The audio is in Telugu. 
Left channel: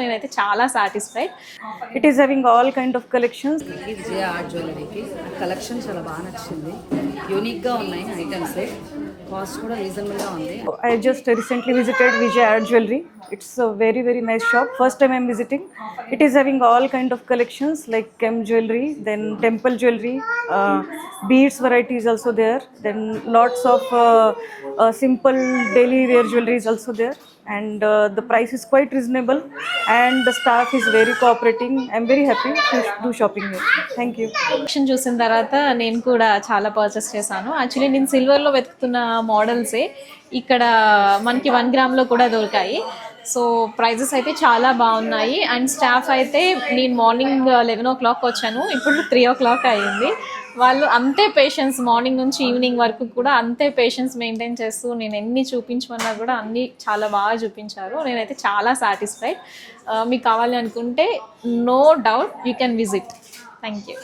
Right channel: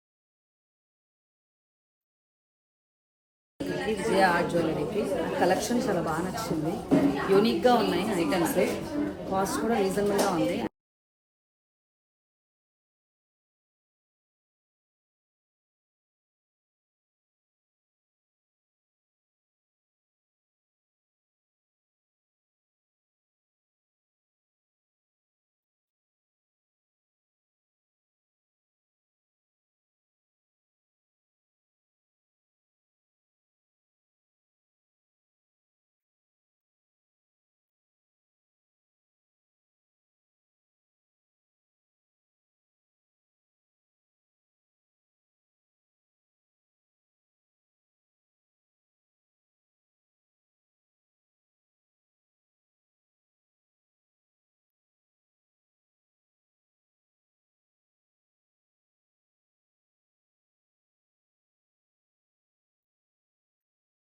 నేనైతే చాలా satisfied. It is having all kind of collections. Vijaya art జ్యువెలరీకి కలెక్షన్ చాలా బాగా నచ్చింది. యూనిక్గా ఉన్నాయి ఐటమ్స్, కాస్ట్ కూడా రీజనబుల్గా ఉంది. I just recently visited Vijay Art Jewelry. It's a very very nice shop. First time I'm visiting. It is having all kind of collections like gem jewelry, then temple jewelry, beads variety is also there. Then lots of simple daily wear jewelry is also there. And the price is quite reasonable and the staff is very cooperating. I'm very happy to do shopping here. Thank you. Collection చూసిన తర్వాత నేను కూడా చాలా పర్చేస్ చేశాను. యాక్చువల్లీ నేను సిల్వర్లో వెతుకుతున్న మోడల్సే ఇక్కడ మనకి 1 గ్రామ్లో కూడా దొరికాయి. సో ప్రైజెస్ అయితే చాలా బాగున్నాయి. అండ్ స్టాఫ్ అయితే నేను మార్నింగ్ 11 o'clock వచ్చాను, ఇప్పుడు 3 o'clock అయ్యింది. వాళ్ళు అంతే పేషెన్స్, మార్నింగ్ నుంచి ఈవినింగ్ వరకు కూడా అంతే పేషెన్స్ మెయింటైన్ చేస్తూ నేను ఎన్ని చూపించమన్నా కూడా అన్నీ చాలా బాగా చూపించారు. నేనైతే చాలా సాటిస్ఫైడ్. మీకు కావాలి అనుకుంటే no doubt you can visit. Thank you.